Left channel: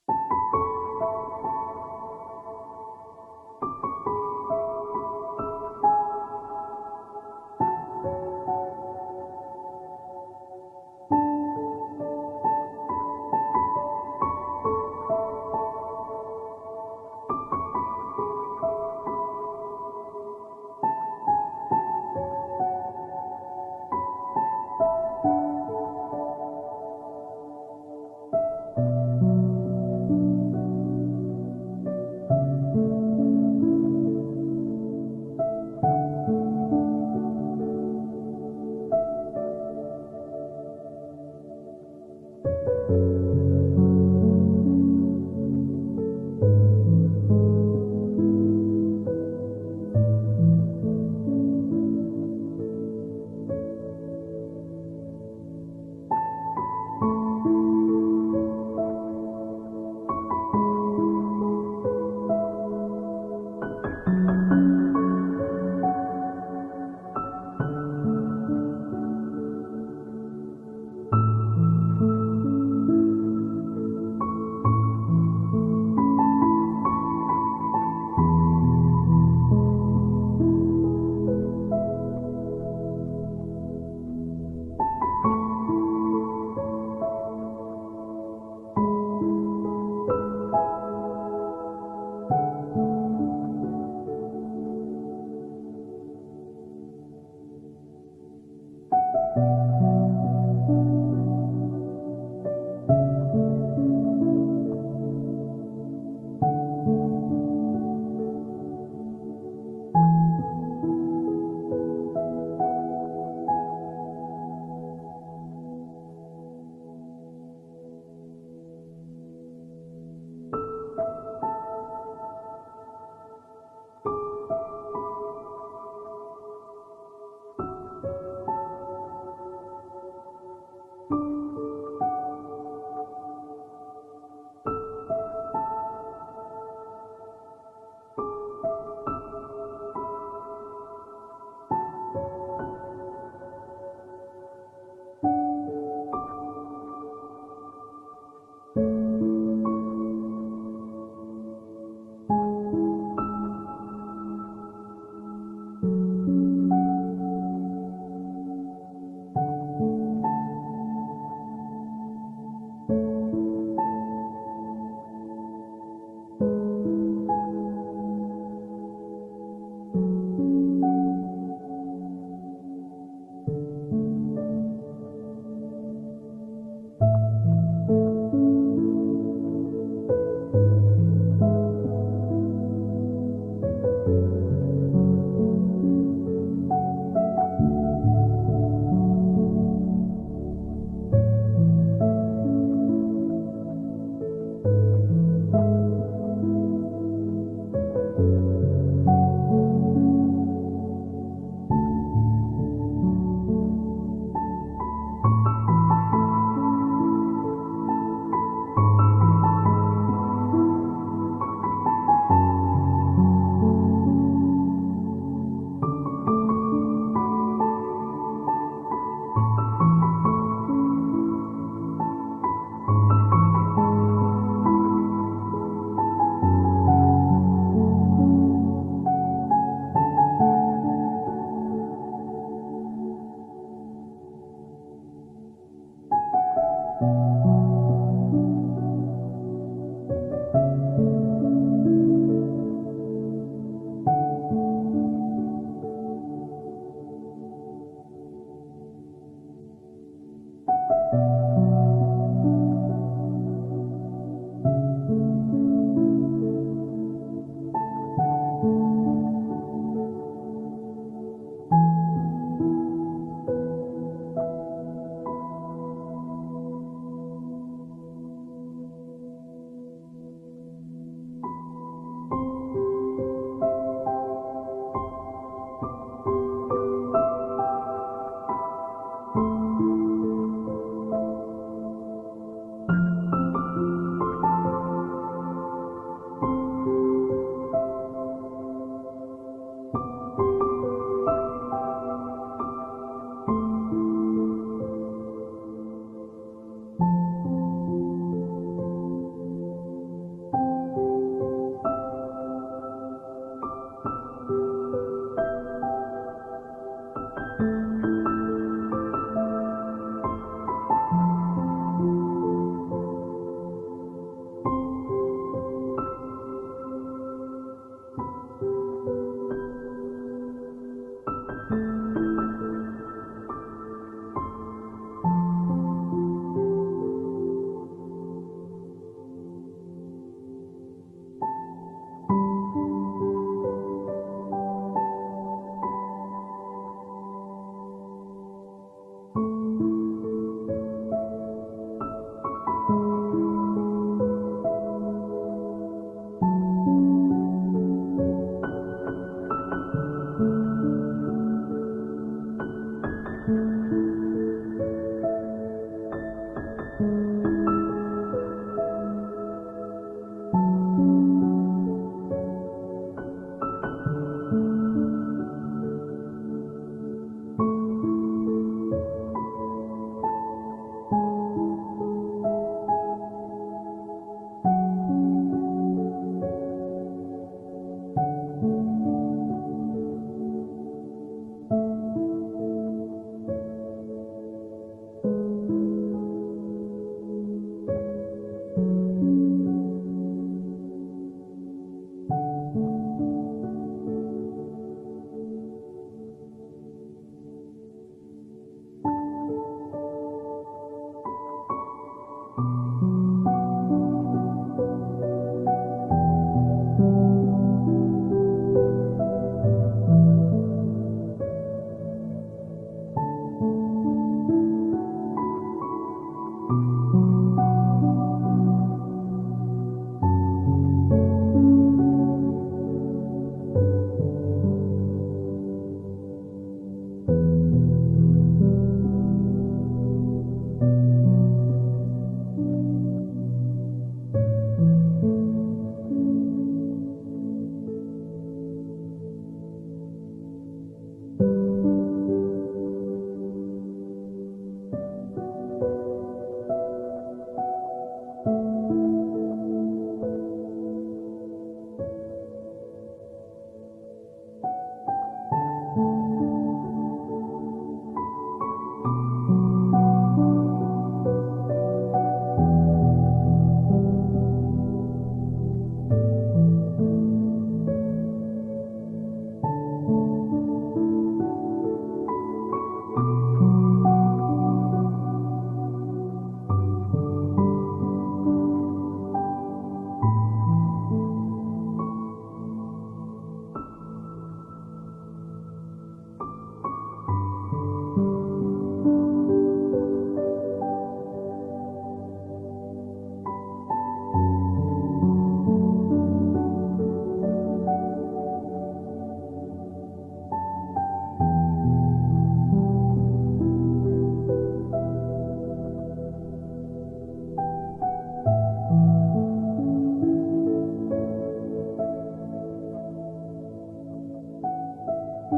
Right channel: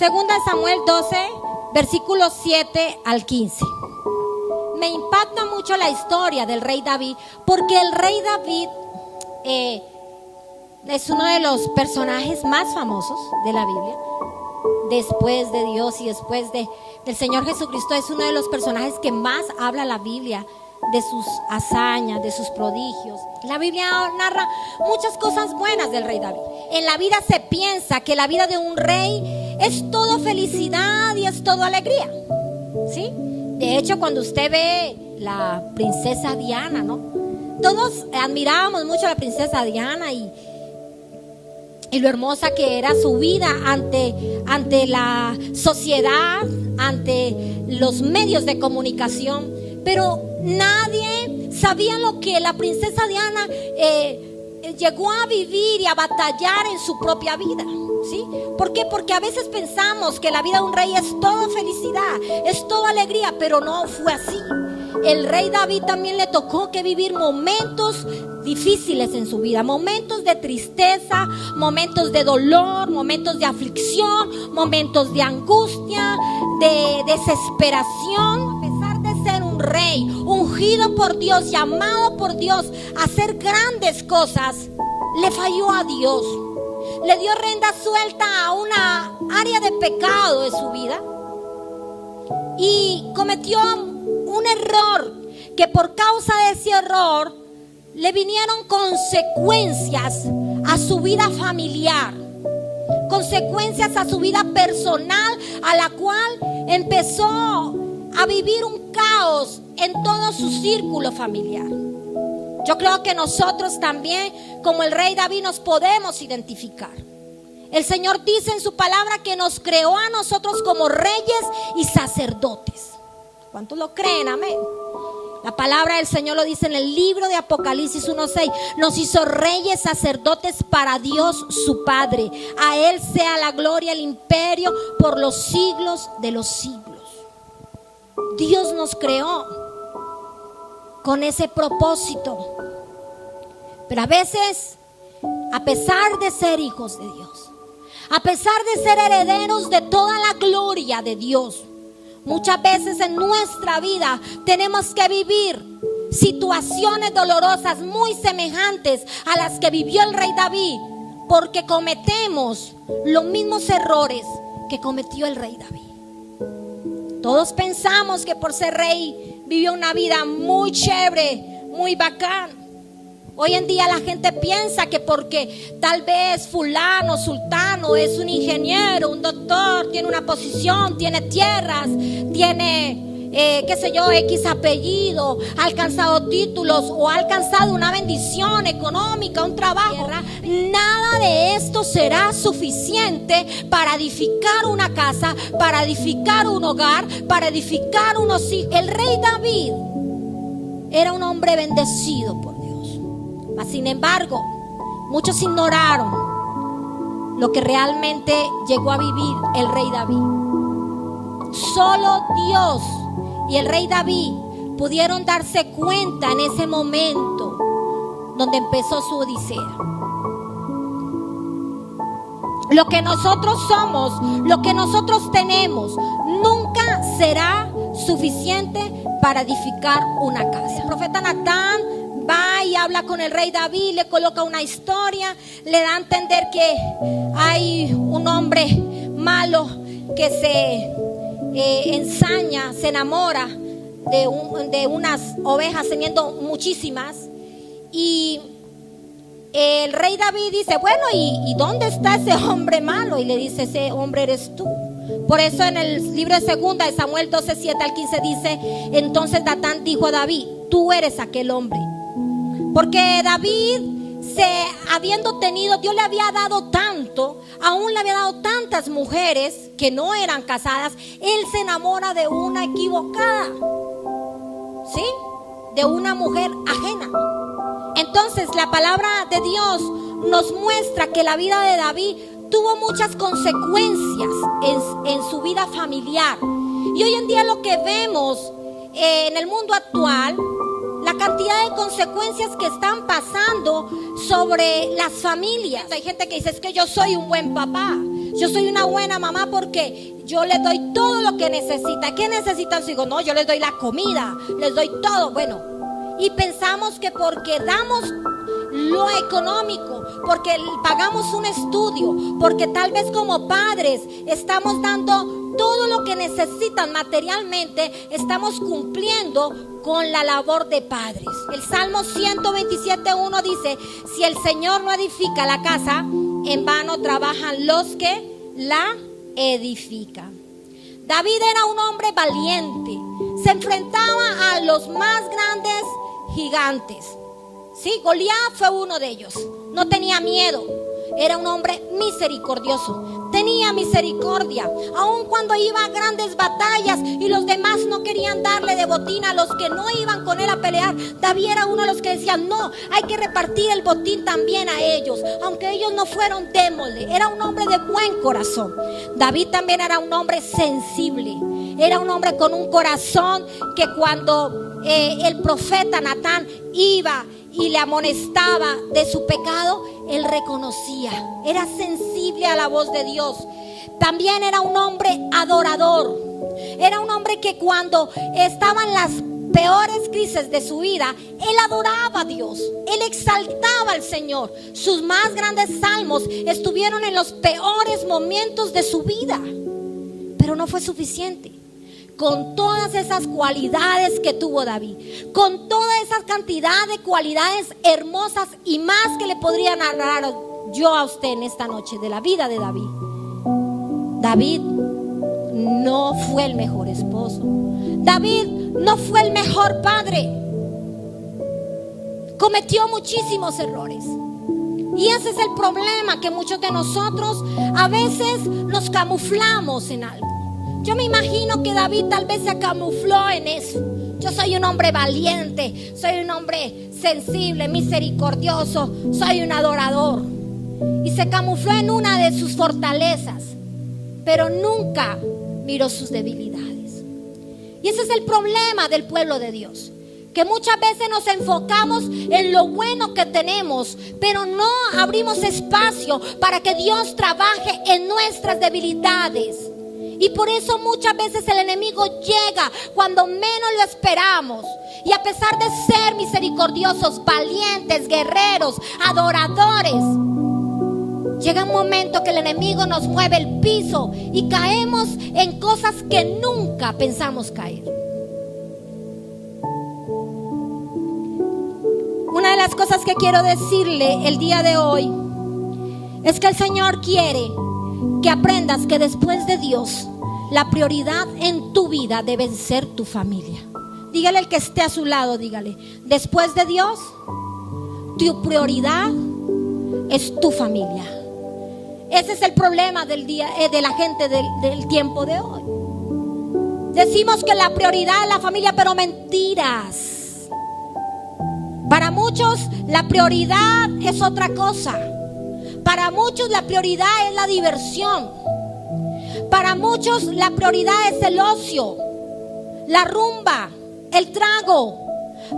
Segunda de Samuel 12, versículos 7 al 15. Me impacta mucho la historia del rey David, porque el rey David es uno de los personajes más famosos de la Biblia. Después de Dios y después del Señor Jesucristo, es uno de los personajes que más habla la Biblia, de sus hazañas, de sus prodigios. La Biblia narra muchas cosas buenas del rey David. En la vida se piensa que la vida de un rey es todo felicidad y es todo alegría, ¿sí? De hecho, cuando usted ve la princesa Diana, ¿no? Todos admirábamos mucho a la princesa Diana y lo hermosa que era su vida ante la sociedad, ante los medios de comunicación. Pero nadie sabía lo que la princesa Diana llegó a vivir y a batallar en su propia vida, ¿sí? ¿Por qué? Porque a veces pensamos que la vida de un rey es todo felicidad, es todo alegría, pero no fue así. El rey David también le tocó que vivir momentos difíciles en su vida, momentos de tristeza, momentos de dolor, momentos de aflicción, momentos de angustia, de desesperación. A pesar de ser un rey ungido por Dios, llamado por Dios a hacer grandes cosas, le falló a Dios. Le dio rienda suelta a una área de pecado de su vida y cometió un error que por causa de ese error le vinieron consecuencias a su vida familiar, consecuencias a su vida personal, a la cual empezó a vivir un caos en todo su círculo familiar. Yo creo que nosotros también, como el rey David, nos podemos identificar. El Señor dice en su palabra que nos creó a nosotros como reyes y sacerdotes. ¿Cuántos lo creen? Amén. La palabra del Señor lo dice en el libro de Apocalipsis 1:6. Nos hizo reyes, sacerdotes para Dios su Padre. A Él sea la gloria, el imperio por los siglos de los siglos. Dios nos creó con ese propósito. Pero a veces, a pesar de ser hijos de Dios, a pesar de ser herederos de toda la gloria de Dios, muchas veces en nuestra vida tenemos que vivir situaciones dolorosas muy semejantes a las que vivió el rey David, porque cometemos los mismos errores que cometió el rey David. Todos pensamos que por ser rey vivió una vida muy chévere, muy bacán. Hoy en día la gente piensa que porque tal vez fulano, sultano es un ingeniero, un doctor, tiene una posición, tiene tierras, tiene, qué sé yo, X apellido, ha alcanzado títulos o ha alcanzado una bendición económica, un trabajo. Nada de esto será suficiente para edificar una casa, para edificar un hogar, para edificar unos hijos. El rey David era un hombre bendecido por Dios. Sin embargo, muchos ignoraron lo que realmente llegó a vivir el rey David. Solo Dios y el rey David pudieron darse cuenta en ese momento donde empezó su odisea. Lo que nosotros somos, lo que nosotros tenemos, nunca será suficiente para edificar una casa. El profeta Natán va y habla con el rey David, le coloca una historia, le da a entender que hay un hombre malo que se ensaña, se enamora de unas ovejas, teniendo muchísimas. Y el rey David dice, bueno, ¿y dónde está ese hombre malo? Y le dice, ese hombre eres tú. Por eso en el libro de Segunda de Samuel 12, 7 al 15 dice, entonces Natán dijo a David, tú eres aquel hombre. Porque David, habiendo tenido, Dios le había dado tanto, aún le había dado tantas mujeres que no eran casadas, él se enamora de una equivocada, ¿sí? De una mujer ajena. Entonces la palabra de Dios nos muestra que la vida de David tuvo muchas consecuencias en su vida familiar. Y hoy en día lo que vemos en el mundo actual, la cantidad de consecuencias que están pasando sobre las familias. Hay gente que dice, es que yo soy un buen papá, Yo soy una buena mamá porque yo les doy todo lo que necesita. ¿Qué necesitan sus hijos? No, yo les doy la comida, les doy todo. Bueno, y pensamos que porque damos lo económico, porque pagamos un estudio, porque tal vez como padres estamos dando todo lo que necesitan materialmente, estamos cumpliendo con la labor de padres. El Salmo 127:1 dice: si el Señor no edifica la casa, en vano trabajan los que la edifican. David era un hombre valiente, se enfrentaba a los más grandes gigantes. Sí, Goliat fue uno de ellos. No tenía miedo. Era un hombre misericordioso. Tenía misericordia. Aun cuando iba a grandes batallas y los demás no querían darle de botín a los que no iban con él a pelear, David era uno de los que decían: no, hay que repartir el botín también a ellos. Aunque ellos no fueron, démosle. Era un hombre de buen corazón. David también era un hombre sensible. Era un hombre con un corazón que cuando el profeta Natán iba y le amonestaba de su pecado, él reconocía, era sensible a la voz de Dios. También era un hombre adorador. Era un hombre que cuando estaban las peores crisis de su vida, él adoraba a Dios, él exaltaba al Señor. Sus más grandes salmos estuvieron en los peores momentos de su vida, pero no fue suficiente. Con todas esas cualidades que tuvo David, con toda esa cantidad de cualidades hermosas y más que le podría narrar yo a usted en esta noche de la vida de David, David no fue el mejor esposo. David no fue el mejor padre. Cometió muchísimos errores. Y ese es el problema, que muchos de nosotros a veces nos camuflamos en algo. Yo me imagino que David tal vez se camufló en eso. Yo soy un hombre valiente, soy un hombre sensible, misericordioso, soy un adorador. Y se camufló en una de sus fortalezas, pero nunca miró sus debilidades. Y ese es el problema del pueblo de Dios, que muchas veces nos enfocamos en lo bueno que tenemos, pero no abrimos espacio para que Dios trabaje en nuestras debilidades. Y por eso muchas veces el enemigo llega cuando menos lo esperamos. Y a pesar de ser misericordiosos, valientes, guerreros, adoradores, llega un momento que el enemigo nos mueve el piso y caemos en cosas que nunca pensamos caer. Una de las cosas que quiero decirle el día de hoy es que el Señor quiere que aprendas que después de Dios, la prioridad en tu vida debe ser tu familia. Dígale al que esté a su lado, dígale: después de Dios, tu prioridad es tu familia. Ese es el problema del día, de la gente del tiempo de hoy. Decimos que la prioridad es la familia, pero mentiras. Para muchos la prioridad es otra cosa. Para muchos la prioridad es la diversión. Para muchos la prioridad es el ocio, la rumba, el trago.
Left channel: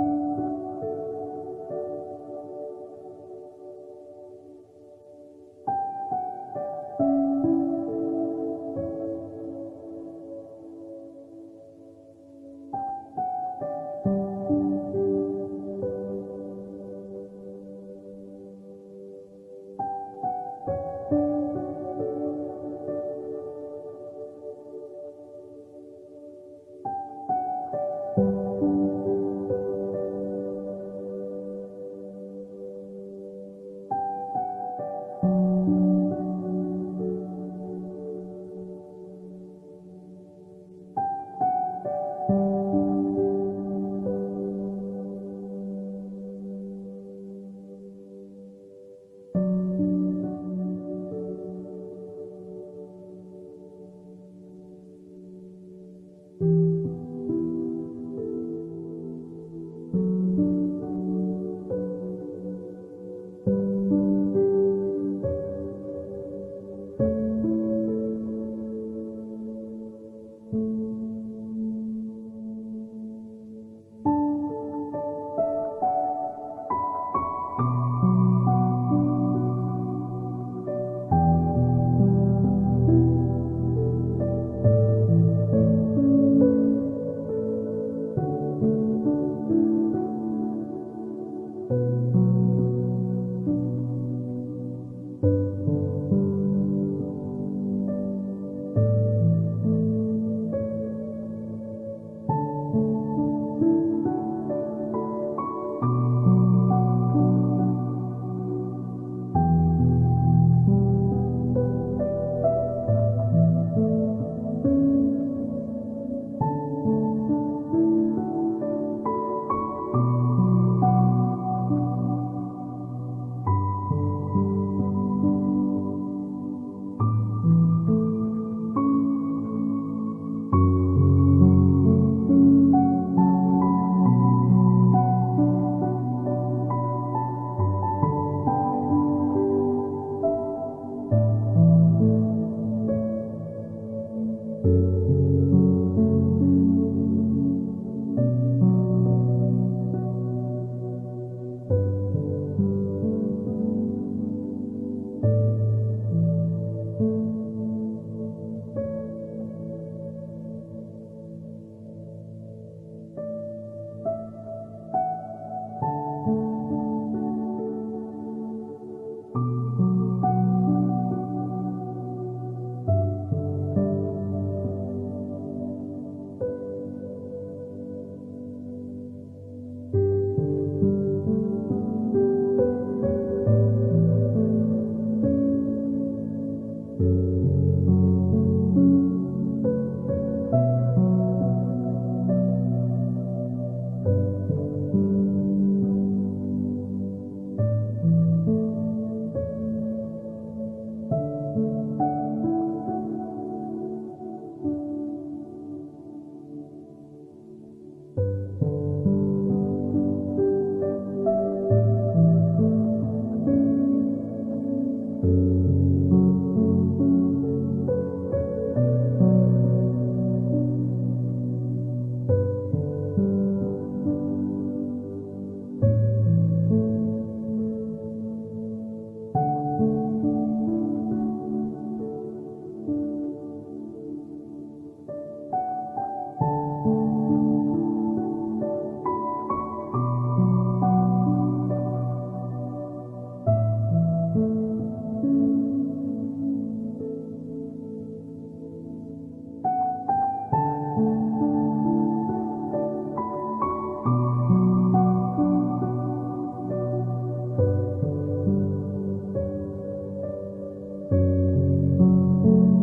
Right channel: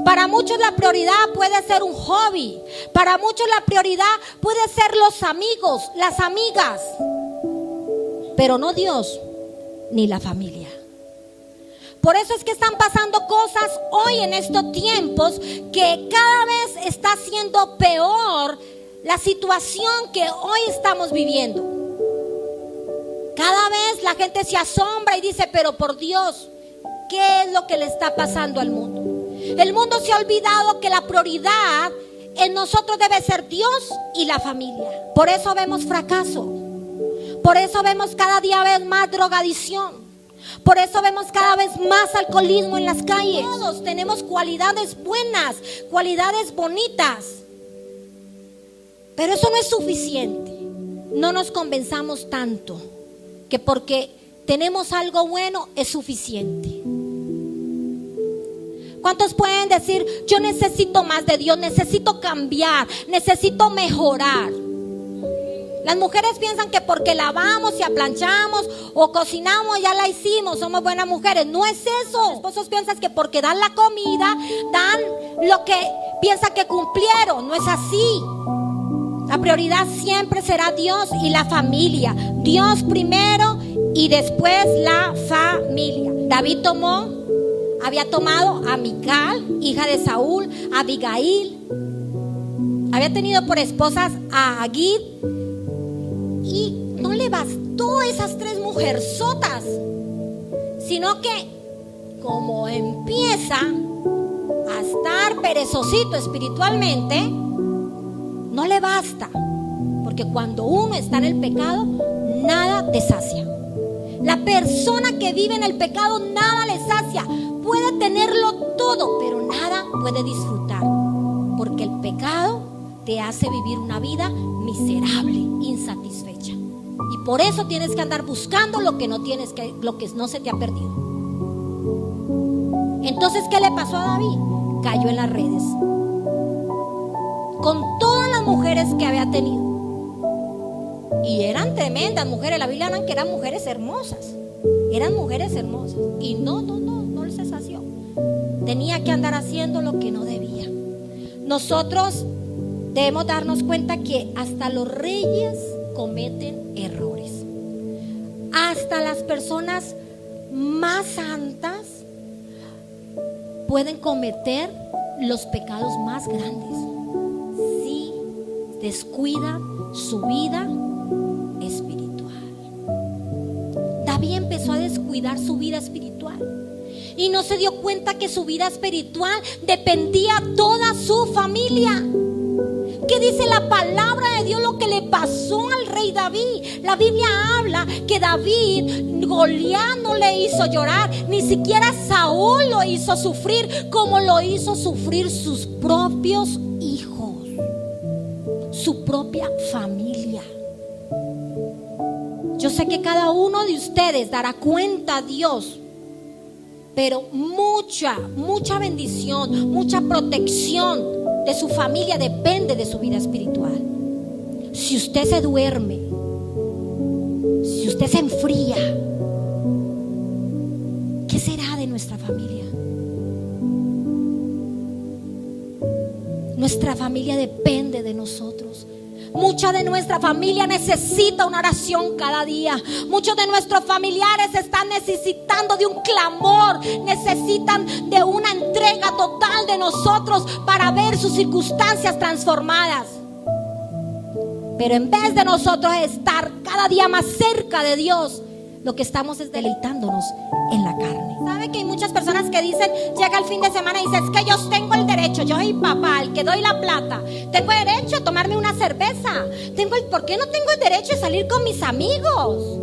Para muchos la prioridad puede ser un hobby. Para muchos la prioridad puede ser los amigos, las amigas, pero no Dios ni la familia. Por eso es que están pasando cosas hoy en estos tiempos, que cada vez está siendo peor la situación que hoy estamos viviendo. Cada vez la gente se asombra y dice: pero por Dios, ¿qué es lo que le está pasando al mundo? El mundo se ha olvidado que la prioridad en nosotros debe ser Dios y la familia. Por eso vemos fracaso. Por eso vemos cada día vez más drogadicción. Por eso vemos cada vez más alcoholismo en las calles. Todos tenemos cualidades buenas, cualidades bonitas, pero eso no es suficiente. No nos convenzamos tanto que porque tenemos algo bueno es suficiente. ¿Cuántos pueden decir: yo necesito más de Dios, necesito cambiar, necesito mejorar? Las mujeres piensan que porque lavamos y aplanchamos o cocinamos ya la hicimos, somos buenas mujeres. No es eso. Los esposos piensan que porque dan la comida, dan lo que piensan que cumplieron. No es así. prioridad siempre será Dios y la familia. Dios primero y después la familia. David había tomado a Mical, hija de Saúl, a Abigail. Había tenido por esposas a Agit. Y no le bastó esas 3 mujerzotas, sino que como empieza a estar perezosito espiritualmente, no le basta, porque cuando uno está en el pecado, nada te sacia. La persona que vive en el pecado, nada le sacia. Puede tenerlo todo, pero nada puede disfrutar, porque el pecado te hace vivir una vida miserable, insatisfecha. Y por eso tienes que andar buscando lo que no tienes, lo que no se te ha perdido. Entonces, ¿qué le pasó a David? Cayó en las redes con todas las mujeres que había tenido. Y eran tremendas mujeres. La Biblia habla que eran mujeres hermosas. Eran mujeres hermosas. Y no se sació. Tenía que andar haciendo lo que no debía. Nosotros debemos darnos cuenta que hasta los reyes cometen errores. Hasta las personas más santas pueden cometer los pecados más grandes si descuidan su vida espiritual. David empezó a descuidar su vida espiritual y no se dio cuenta que su vida espiritual dependía toda su familia. ¿Qué dice la palabra de Dios lo que le pasó al rey David? La Biblia habla que David, Goliat no le hizo llorar, ni siquiera Saúl lo hizo sufrir, como lo hizo sufrir sus propios hijos, su propia familia. Yo sé que cada uno de ustedes dará cuenta a Dios, pero mucha bendición, mucha protección de su familia depende de su vida espiritual. Si usted se duerme, si usted se enfría, ¿qué será de nuestra familia? Nuestra familia depende de nosotros. Mucha de nuestra familia necesita una oración cada día. Muchos de nuestros familiares están necesitando de un clamor, necesitan de una entrega total de nosotros para ver sus circunstancias transformadas. Pero en vez de nosotros estar cada día más cerca de Dios, lo que estamos es deleitándonos en la carne. ¿Sabe que hay muchas personas que dicen, llega el fin de semana y dicen, es que yo tengo el derecho, yo soy papá, el que doy la plata, tengo derecho a tomarme una cerveza, ¿por qué no tengo el derecho de salir con mis amigos?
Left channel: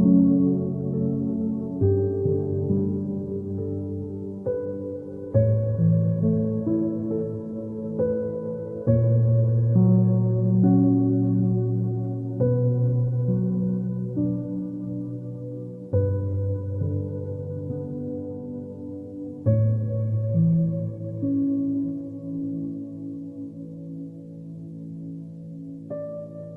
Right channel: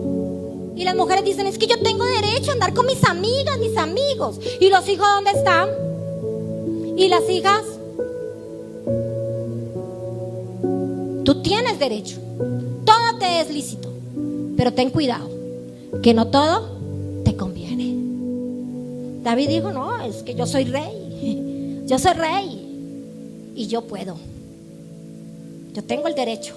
Y las mujeres dicen, es que yo tengo derecho a andar con mis amigas, mis amigos. ¿Y los hijos dónde están? ¿Y las hijas? Tú tienes derecho, todo te es lícito, pero ten cuidado, que no todo te conviene. David dijo, no, es que yo soy rey y yo puedo, yo tengo el derecho.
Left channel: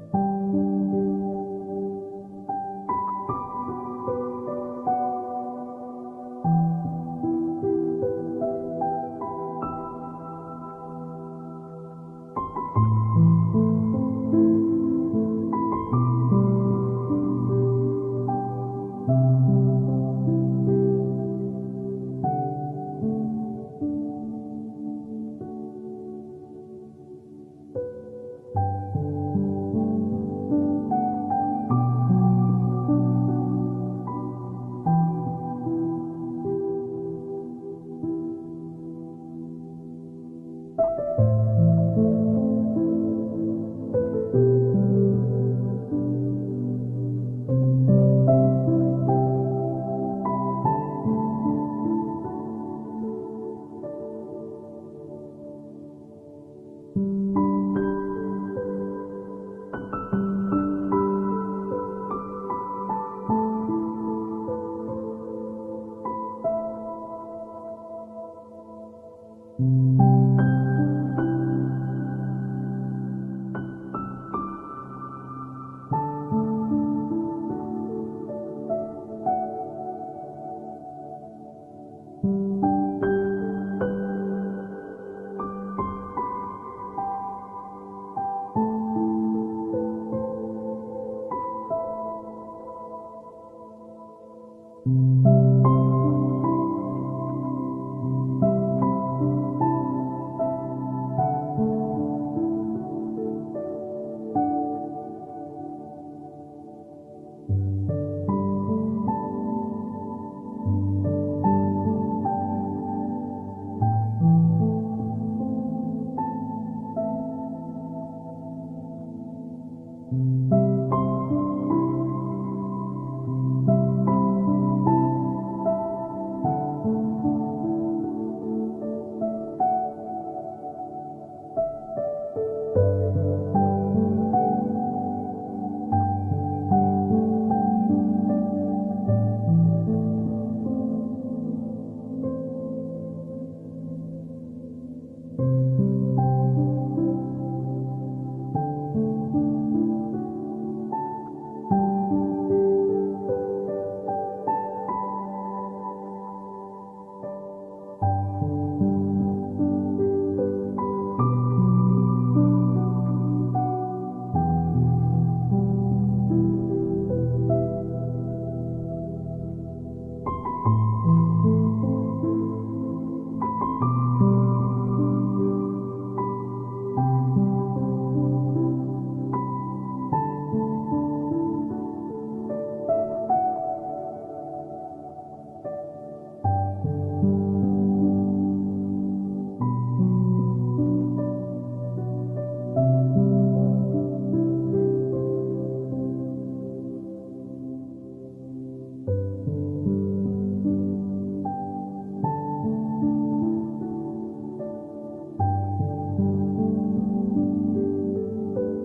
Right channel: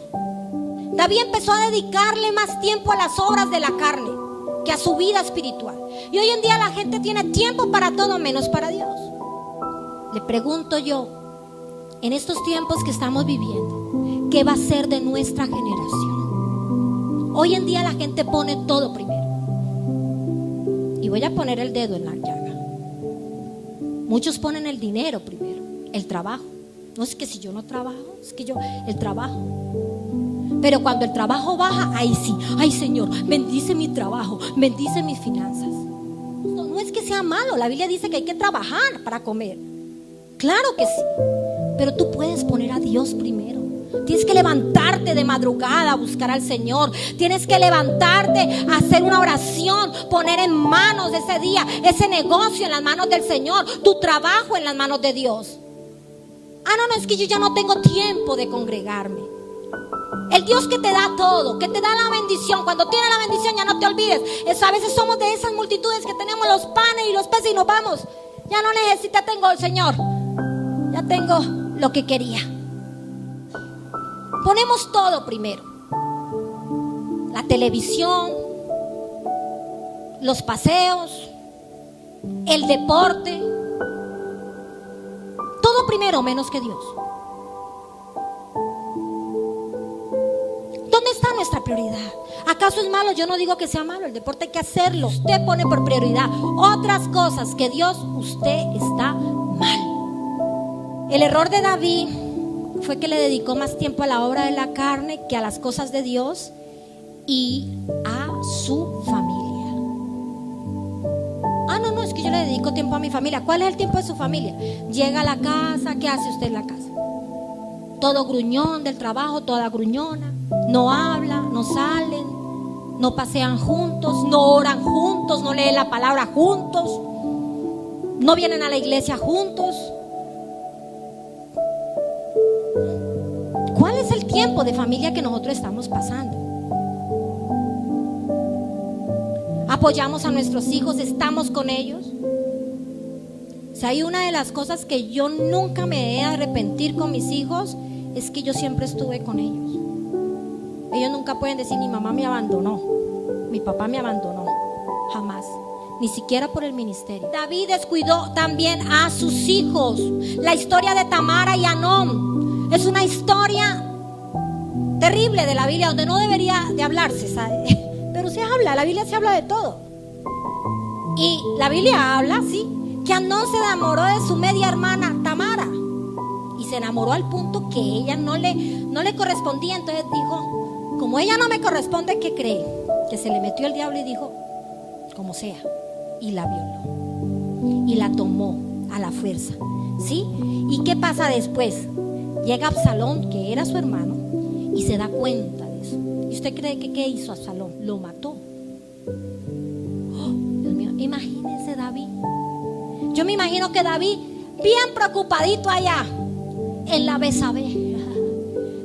David empezó a dedicarle más tiempo a las obras de la carne que a su vida espiritual. Y hoy en día la gente tiene tiempo para todo menos para Dios. Le pregunto yo, en estos tiempos que estamos viviendo, ¿qué va a ser de nuestra generación? Hoy en día la gente pone todo primero. Y voy a poner el dedo en la llaga. Muchos ponen el dinero primero, el trabajo. No es que si yo no trabajo, es que el trabajo. Pero cuando el trabajo baja, ahí sí, ay Señor, bendice mi trabajo, bendice mis finanzas. No es que sea malo, la Biblia dice que hay que trabajar para comer. Claro que sí, pero tú puedes poner a Dios primero. Tienes que levantarte de madrugada a buscar al Señor. Tienes que levantarte a hacer una oración, poner en manos de ese día, ese negocio en las manos del Señor, tu trabajo en las manos de Dios. No, es que yo ya no tengo tiempo de congregarme. El Dios que te da todo, que te da la bendición, cuando tienes la bendición ya no te olvides. A veces somos de esas multitudes que tenemos los panes y los peces y nos vamos. Ya no necesito, tengo el Señor, ya tengo lo que quería. Ponemos todo primero. La televisión, los paseos, el deporte, todo primero menos que Dios. prioridad. ¿Acaso es malo? Yo no digo que sea malo, el deporte hay que hacerlo. Usted pone por prioridad otras cosas que Dios, usted está mal. El error de David fue que le dedicó más tiempo a la obra de la carne que a las cosas de Dios y a su familia. No, es que yo le dedico tiempo a mi familia. ¿Cuál es el tiempo de su familia? Llega a la casa, ¿qué hace usted en la casa? Todo gruñón del trabajo, toda gruñona. No hablan, no salen, no pasean juntos, no oran juntos, no leen la palabra juntos, no vienen a la iglesia juntos. ¿Cuál es el tiempo de familia que nosotros estamos pasando? ¿Apoyamos a nuestros hijos? ¿Estamos con ellos? O sea, hay una de las cosas que yo nunca me he de arrepentir con mis hijos, es que yo siempre estuve con ellos. Ellos nunca pueden decir: mi mamá me abandonó, mi papá me abandonó. Jamás, ni siquiera por el ministerio. David descuidó también a sus hijos. La historia de Tamara y Amnón es una historia terrible de la Biblia, donde no debería de hablarse, ¿sabe? Pero se habla, la Biblia se habla de todo. Y la Biblia habla, sí, que Amnón se enamoró de su media hermana Tamara, y se enamoró al punto que ella no le correspondía. Entonces dijo: como ella no me corresponde, ¿qué cree? Que se le metió el diablo y dijo: como sea, y la violó y la tomó a la fuerza, ¿sí? ¿Y qué pasa después? Llega Absalón, que era su hermano, y se da cuenta de eso. ¿Y usted cree que qué hizo Absalón? Lo mató. Oh, Dios mío, imagínense David. Yo me imagino que David, bien preocupadito allá en la Besabé,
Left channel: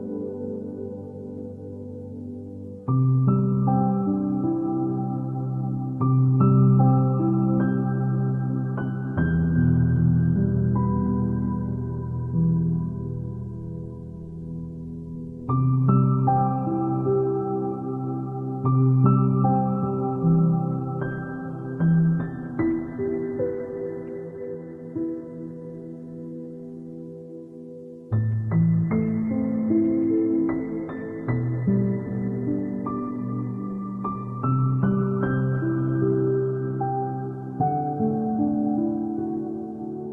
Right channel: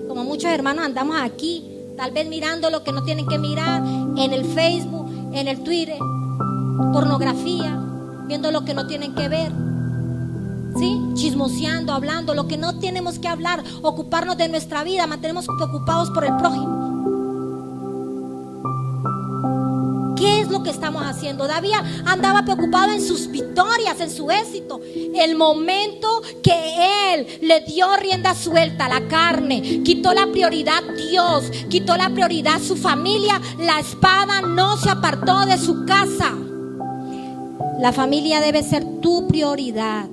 como muchos hermanos andamos aquí, tal vez mirando lo que no tienen que mirar, en el Facebook, en el Twitter, pornografía, viendo lo que no tienen que ver, ¿sí? Chismoseando, hablando lo que no tenemos que hablar, ocuparnos de nuestra vida, mantenemos preocupados por el prójimo. ¿Qué es lo que estamos haciendo? David andaba preocupado en sus victorias, en su éxito. El momento que él le dio rienda suelta a la carne, quitó la prioridad Dios, quitó la prioridad su familia, la espada no se apartó de su casa. La familia debe ser tu prioridad.